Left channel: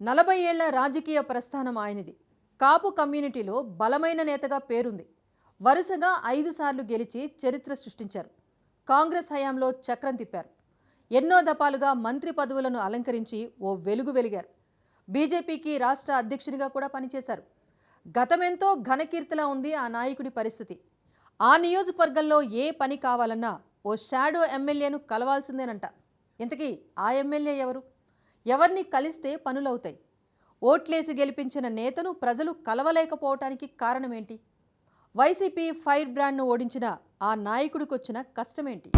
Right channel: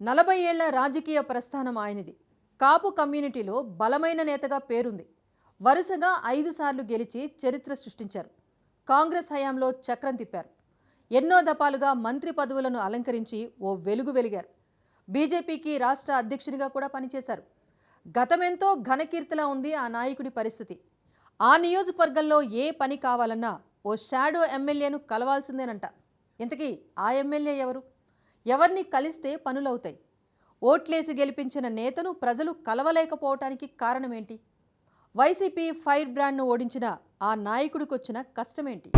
నలభై ఏళ్ళ రాజకీయ ప్రస్థానం ఆయనది. కాపు కమ్యూనిటీలో బలమైన నేతగా పేరుంది. వరుసగా ఐదు సార్లు గెలిచి చరిత్ర సృష్టించారు. కాంగ్రెస్ హయాంలో చక్రం తిప్పారు. ఎన్నో దపాలుగా మంత్రి పదవులను అలంకరించి ఓ వెలుగు వెలిగారు. బీజేపీకి రాష్ట్ర అధ్యక్షునిగా కూడా పనిచేశారు. గతమెంతో ఘనకీర్తిలా ఉంది ఆ నాయకుడి పరిస్థితి. ఆ నియోజకవర్గంలో ఏ పని కావాలన్నా ఓ షాడో ఎమ్మెల్యేను కలవాల్సిందేనంట. ఇంతకీ ఆ ఎమ్మెల్యే ఎవరు? ఎవరిని కలిస్తే పనులవుతాయి. ఓట్లేసి గెలిపించిన నేతను ప్రజలు కలవలేకపోవటానికి కారణమేంటి? వైసీపీ ఫైర్ బ్రాండ్ను ఓడించిన ఆ నాయకుడికి వచ్చిన కష్టమేంటి?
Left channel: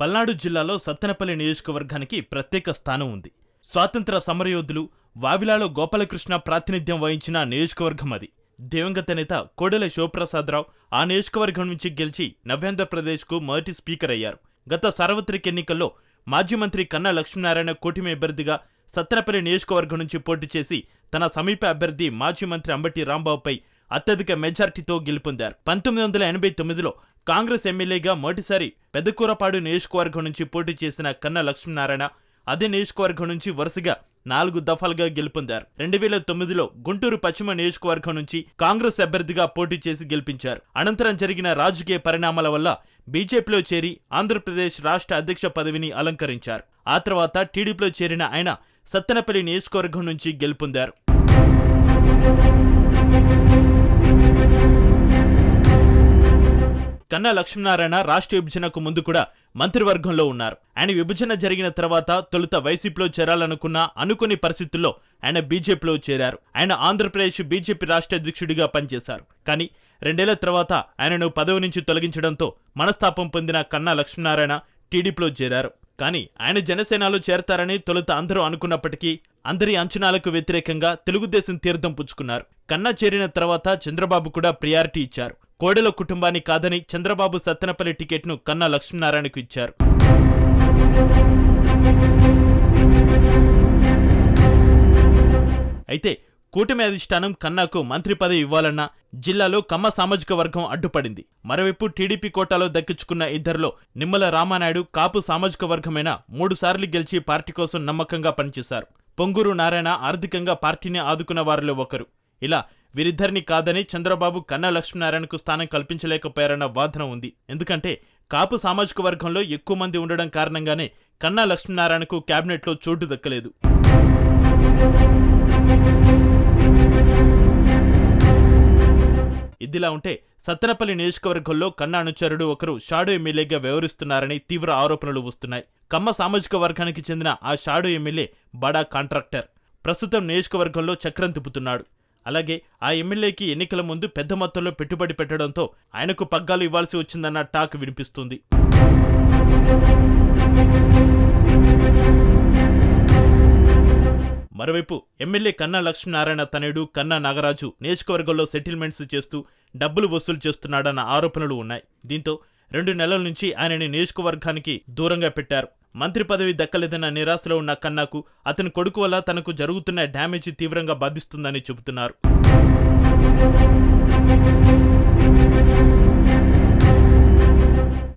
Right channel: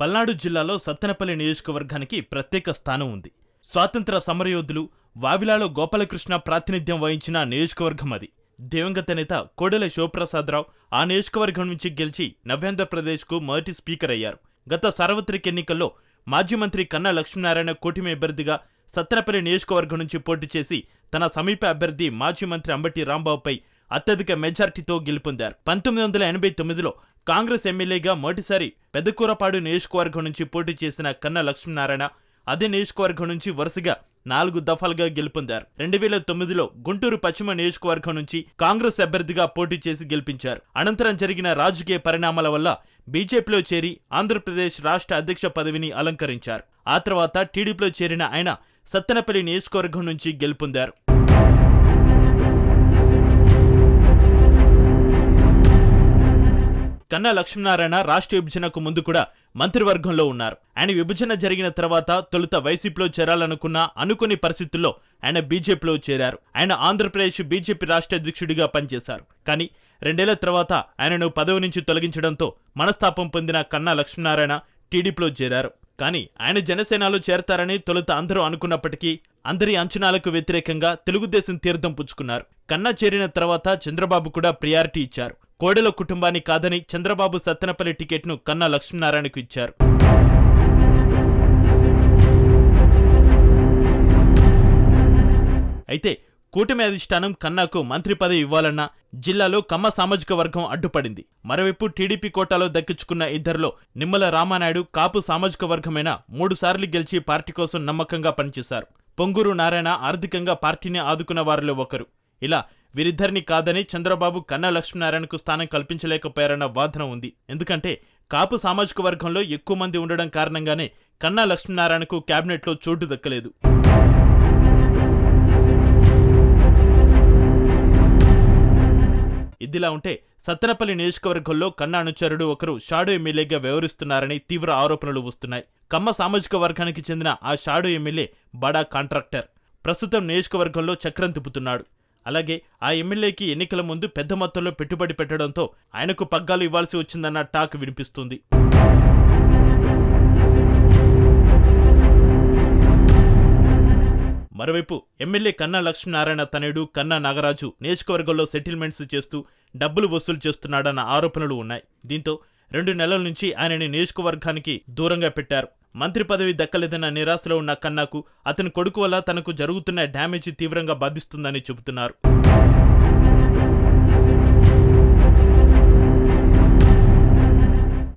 పల్నాడు జిల్లాలో సత్తెనపల్లి నియోజకవర్గానికి ప్రత్యేక స్థానం ఉంది. స్వాతంత్ర సమరయోధులు వావిలాలో గోపాలకృష్ణ ప్రాతినిధ్యం వహించిన నియోజకవర్గం అది. దివంగత నేత కోడెల శివప్రసాదరావు ఆ నియోజకవర్గం నుంచి గెలిచి నవ్యాంధ్రప్రదేశ్కు మొదటి స్పీకర్ అయ్యారు. గత సార్వత్రిక ఎన్నికల్లో మాజీ మంత్రి కన్నా లక్ష్మీనారాయణ కూటమి అభ్యర్థిగా సత్తెనపల్లి నియోజకవర్గం నుంచి పోటీ చేసి తన సమీప అభ్యర్థి మాజీ మంత్రి అంబటి రాంబాబుపై అత్యధిక మెజార్టీతో గెలుపొందారు. పంతొమ్మిది వందల ఎనభై తొమ్మిదిలో కాంగ్రెస్ ఎమ్మెల్యేగా మొదటిసారి పెద్దకూరపాడు నియోజకవర్గం నుంచి పోటీ చేసిన కన్నా లక్ష్మీనారాయణ అదే నియోజకవర్గం నుంచి వరుసగా నాలుగు దఫాలుగా గెలుపొందారు. రెండు వేల తొమ్మిదిలో గుంటూరు పశ్చిమ నియోజకవర్గం నుంచి కాంగ్రెస్ అభ్యర్థిగా పోటీ చేసి గెలిపించారు. అనంతరం జరిగిన రాజకీయ పరిణామాల వల్ల బీజేపీలో చేరి ఆంధ్రప్రదేశ్ రాష్ట్ర అధ్యక్ష పదవిని అలంకరించారు. ఆ తర్వాత టీడీపీలో చేరిన ఆయన సత్తెనపల్లి నియోజకవర్గం నుంచి గెలుపొందారు. కన్నా లక్ష్మీనారాయణ రాష్ట్ర విభజనకు ముందు కూడా మంత్రివర్గంలో ఉన్నారు. ఆయన విభజన జరిగిన తర్వాత తొలుత వైసీపీలో చేరాలనుకున్న అనుకుని పరిస్థితుల్లో ఆయన బీజేపీలో చేరారు. ఆయన ఆంధ్రప్రదేశ్ బీజేపీ రాష్ట్ర అధ్యక్షుడిగా పనిచేశారు. కానీ రెండేళ్ళ తర్వాత ఆయనను పదవి నుంచి తొలగించడంతో మనస్తాపం పొందిన కన్నా లక్ష్మీనారాయణ టీడీపీలో చేరారు. కానీ ఆయన జనసేనలో చేరతారని తొలుత అందరూ అనుకున్నప్పటికీ అందరి అంచనాలకు వ్యతిరేకంగా తెలుగుదేశం తీర్థం పుచ్చుకున్నారు. కన్నా చేరిన తర్వాత చంద్రబాబు కూడా ప్రియారిటీ ఇచ్చారు. కోడెల కుటుంబాన్ని కాదని చంద్రబాబు సత్తెనపల్లి టికెట్ను కన్నా లక్ష్మీనారాయణకు ఇచ్చారు. అయితే కూటమి అధిష్టానం కన్నాకు మంత్రి పదవి ఇవ్వాలన్నా జిల్లాలో కమ్మ సామాజిక వర్గం అడ్డుపడింది. మరోవైపు టీడీపీ కోటాలో దక్కించుకున్న ఇద్దరిలో నిమ్మల రామానాయుడు కాపు సామాజిక వర్గమైన మూడుసార్లు గెలిచి పార్టీ కోసం నమ్మకంగా పనిచేశారు. పొంగూరు నారాయణ ఆర్థికంగా పార్టీని ఆదుకున్న వారిలో ఒకరు. ఇలా వీరిద్దరిని కాదని చంద్రబాబు కన్నా లక్ష్మీనారాయణకు స్థానం కల్పించలేకపోయారన్న వాదన ఉంది. ఎందుకంటే కాపు సామాజిక వర్గంలో ఎక్కువ మంది ఉండడం కారణంగానే కన్నా లక్ష్మీనారాయణకు క్యాబినెట్లో చోటు దక్కలేదు. ఇదిలా ఉంటే సత్తెనపల్లి నియోజకవర్గంలో కన్నా అనుచరుడు ఒకరు షాడో ఎమ్మెల్యేగా వ్యవహరిస్తున్నారని తీవ్ర ఆరోపణలు వస్తున్నాయి. కమ్మ సామాజిక వర్గానికి చెందిన ఆ షాడో ఎమ్మెల్యే బడా కాంట్రాక్టర్. ప్రస్తుతం నియోజకవర్గంలో చక్రం తిప్పుతున్నాడు. అలాగే ఆ ఎమ్మెల్యేకి ఎన్నికల ముందు పెద్ద మొత్తంలో పెట్టుబడి పెట్టడంతో ఆయనకు పగ్గాలు ఇవ్వాల్సి వచ్చిందన్న టాక్ వినిపిస్తుంది. మరోవైపు ఎమ్మెల్యే కన్నా లక్ష్మీనారాయణ తనయుడు కన్నా నాగరాజు నియోజకవర్గంలో సెటిల్మెంట్స్ చేస్తూ డబ్బులు వసూలు చేస్తున్నాడన్న ఆరోపణలు ఉన్నాయి. దీంతో రెండు నెలల నుంచి ఆయనని నియోజకవర్గానికి దూరంగా పెట్టారు. మంత్రి పదవి దక్కలేదన్న నిరాశలో ఉన్న కన్నాకు అతని కొడుకు వల్ల తనకు జరుగుతున్న డ్యామేజ్ తీవ్రంగా బాధిస్తుందని చెబుతున్నారు.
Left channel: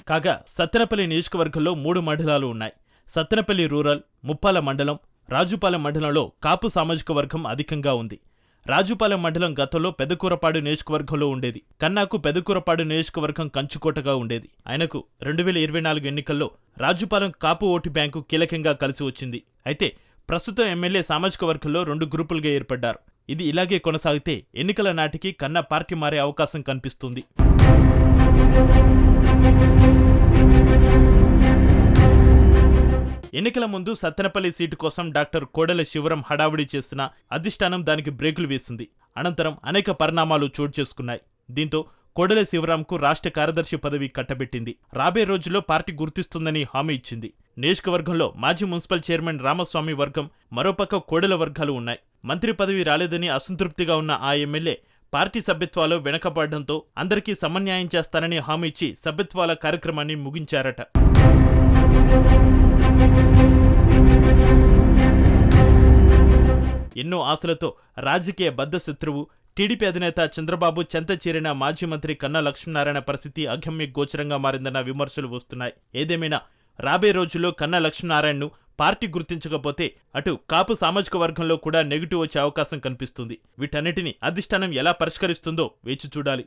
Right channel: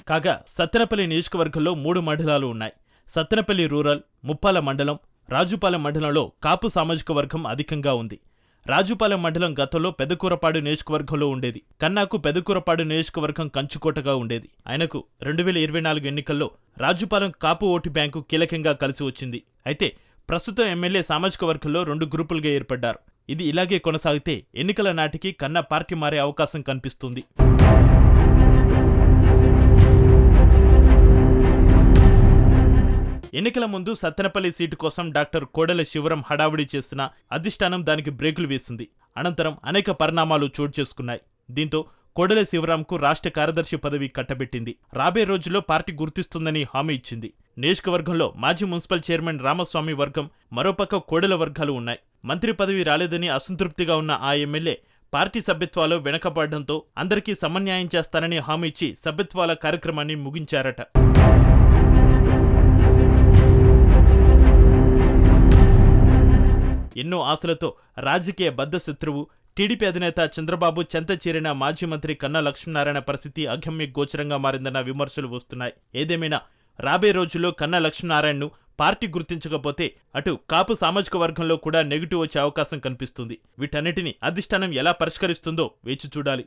కాగా సత్తెనపల్లి నియోజకవర్గంలో మూడు మండలాలు ఉన్నాయి. సత్తెనపల్లి రూరల్ ముప్పాల మండలం రాజుపాలెం మండలంలో కాపు సామాజిక వర్గం అధికంగా ఉంది. రాజుపాలెం మండలం గతంలో పెదకూరపాడు నియోజకవర్గంలో ఉండేది. కన్నాకు పెదకూరపాడు నియోజకవర్గం కంచుకోటగా ఉండేది. ఆయనకు రెండు వేల ఇరవై నాలుగు ఎన్నికల్లో రాజుపాలెం కాపు ఓటు బ్యాంకు కీలకంగా కలిసి వచ్చింది. అయితే ప్రస్తుతం ఎమ్మెల్యే సామాజిక వర్గంలో రెండు గ్రూపులుగా ఏర్పడ్డారు. ఇది ఇలాగే కొనసాగితే ఎన్నికల నాటికి కన్నా పార్టీ మారే అవకాశం కనిపిస్తుంది. ఎన్నికల ముందు సత్తెనపల్లి సీటు కోసం డాక్టర్ కోడెల శివరం హడావుడి చేసిన అధిష్టానం దానికి బ్రేకులు వేసింది. అనంతరం అనేక పరిణామాలు చోటు చేసుకున్నాయి. దీంతో కోడెల శివరాంకు రాష్ట్ర కార్యదర్శి పదవి కట్టబెట్టింది. రాబోయే రోజుల్లో పార్టీ గుర్తిస్తుందని హామీ ఇచ్చింది. నియోజకవర్గంలో మాజీ మున్సిపల్ చైర్మన్ రామస్వామి వర్గం మరోపక్క కోడెల వర్గాలు ఉన్నాయి. మంత్రి పదవి రాలేదని అసంతృప్తిగా ఉన్న ఆ ఎమ్మెల్యే పార్టీ సభ్యత్వాలు వెనకబడడంతో అందరికీ సమన్యాయం చేస్తానని హామీ ఇచ్చి సభ్యత్వాల కార్యక్రమాన్ని ముగించారట. ఎన్నో ఆశలతో రాజకీయ బద్ధశత్రువు టీడీపీ అధినేత చంద్రబాబు చెంత చేరిన మాజీ మంత్రి కన్నా లక్ష్మీనారాయణ పరిస్థితి అగమ్య గోచరంగా మారిందన్న విమర్శలు వస్తున్నాయి. ఏదేమైనా రాబోయే రోజుల్లో కన్నా లక్ష్మీనారాయణను పార్టీ గుర్తించకపోతే అటు కాపు సామాజిక వర్గంలో కూడా నెగిటివ్ వచ్చే అవకాశం కనిపిస్తుంది. వీటన్నిటిని అధిష్టానం ఎలా పరిష్కరిస్తుందో వేచి చూడాలి.